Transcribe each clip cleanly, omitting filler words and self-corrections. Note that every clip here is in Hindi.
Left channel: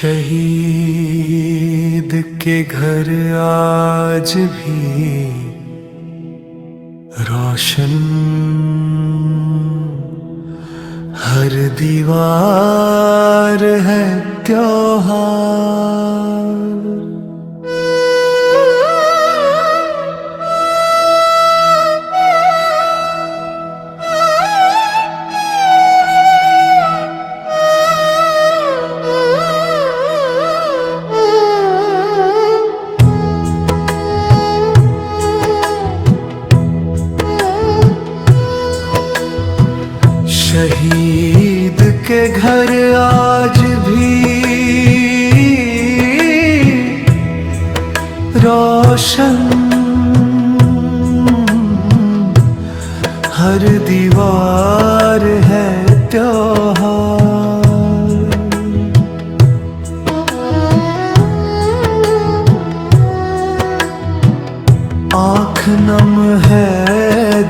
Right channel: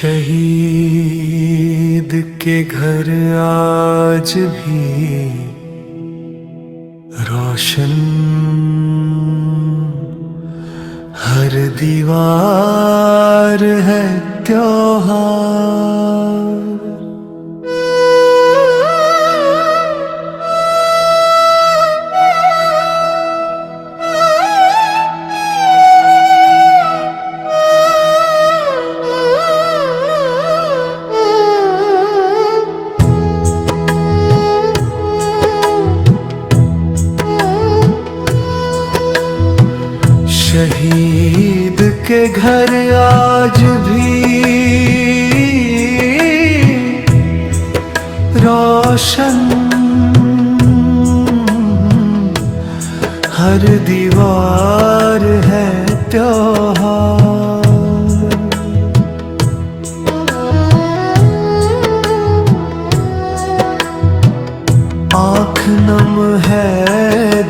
शहीद के घर आज भी रोशन, हर दीवार है त्योहार। शहीद के घर आज भी रोशन, हर दीवार है त्योहार। आँख नम है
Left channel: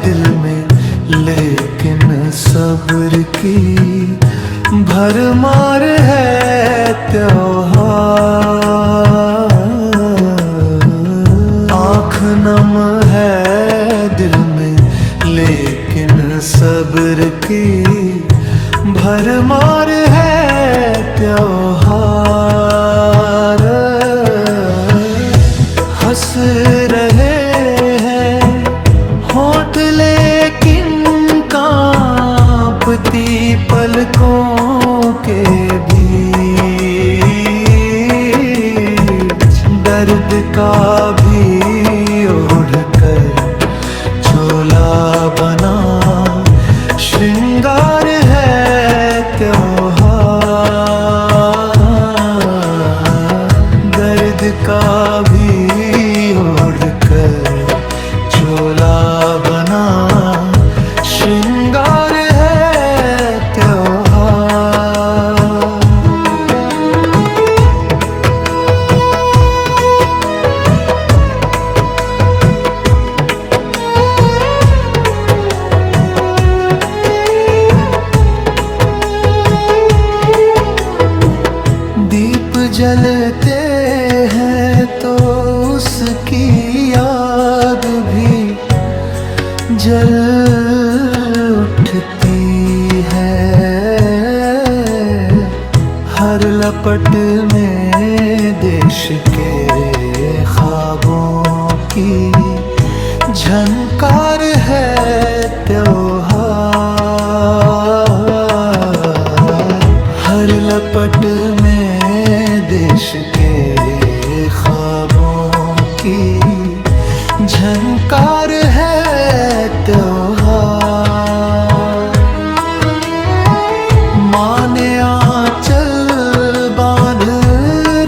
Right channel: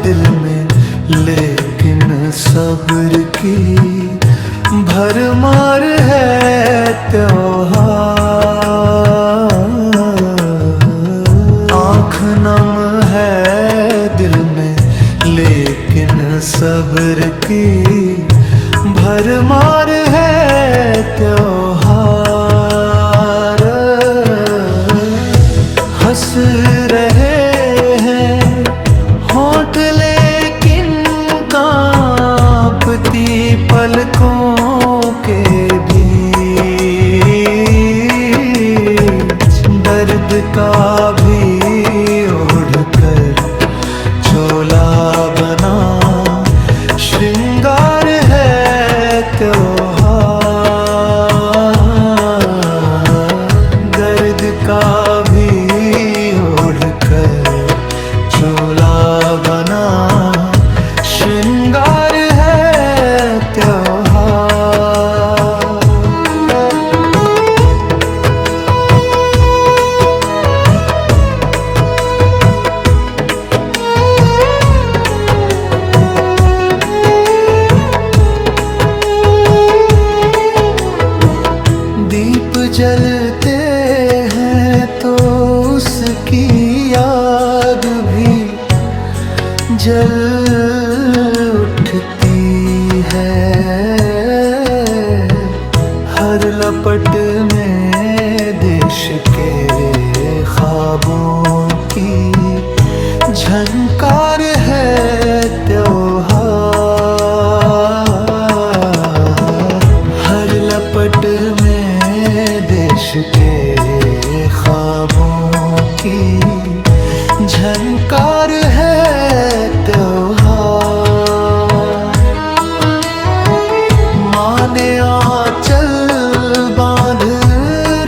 दिल में लेकिन सब्र की भरमार है त्योहार। आँख नम है दिल में लेकिन सब्र की भरमार है त्योहार। हंस रहे हैं होंठ लेकिन कांपती पलकों के बीच दर्द का भी ओढ़कर झोला बना श्रृंगार है त्योहार। दर्द का भी ओढ़कर झोला बना श्रृंगार है त्योहार। दीप जलते हैं तो उसकी याद भी जल उठती है। हर लपट में देश के ख्वाबों की झनकार है त्योहार। हर लपट में देश के ख्वाबों की झनकार है त्योहार। माँ ने आंचल बांध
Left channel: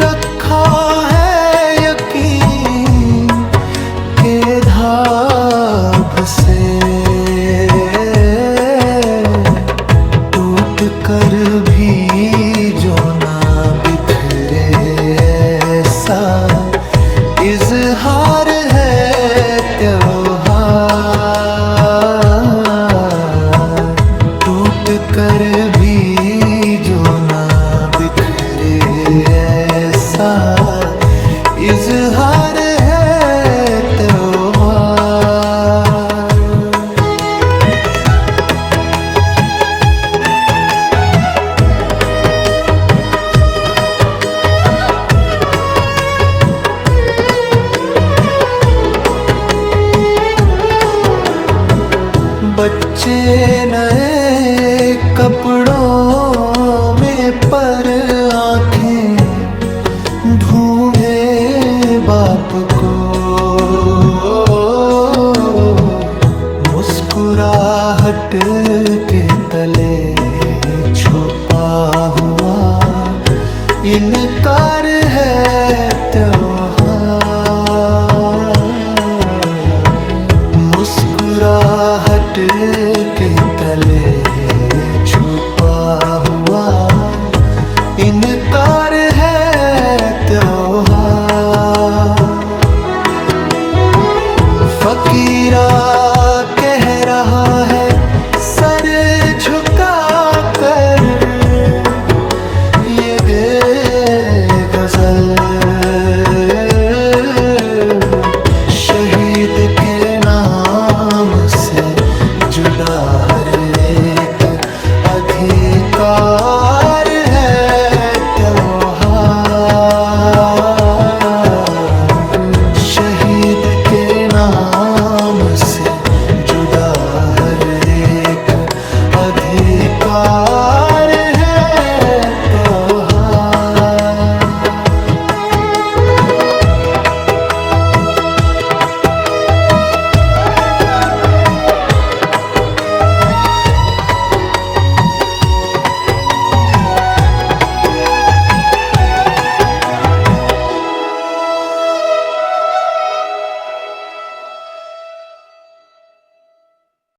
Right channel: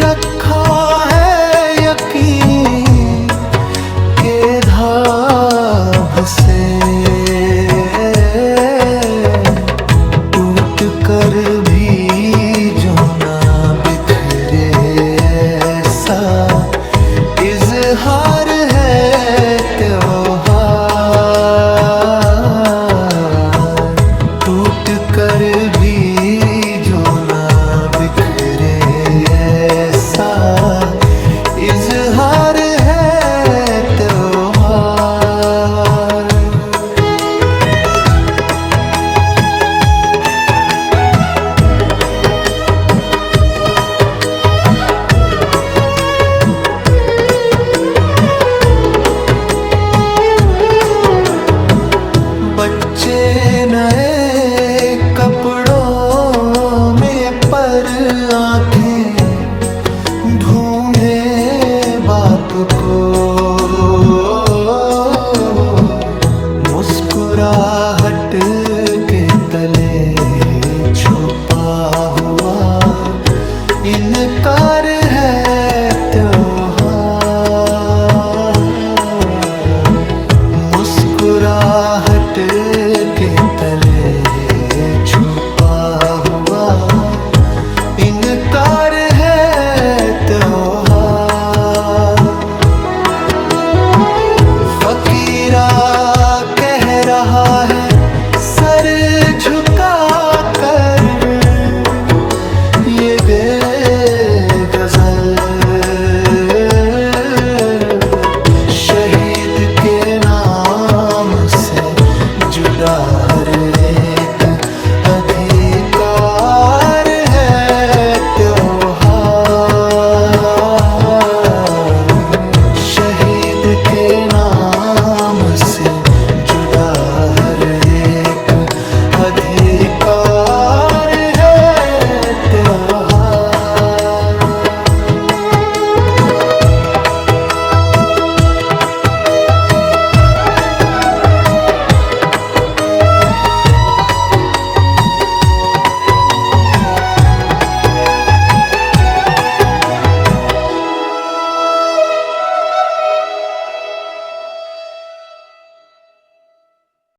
रखा है यकीन के धाब से, टूट कर भी जो ना बिखरे ऐसा इज़हार है त्योहार। टूट कर भी जो ना बिखरे ऐसा इज़हार है त्योहार। बच्चे नए कपड़ों में पर आंखें ढूंढे बाप को, मुस्कुराहट के तले छुपा हुआ इनकार है त्योहार। मुस्कुराहट के तले छुपा हुआ इनकार है त्योहार। फकीरा कह रहा है सर झुका कर, ये बेगज़ल शहीद के नाम से जुड़ा हर एक अधिकार है त्योहार। शहीद के नाम से जुड़ा हर एक अधिकार है त्योहार।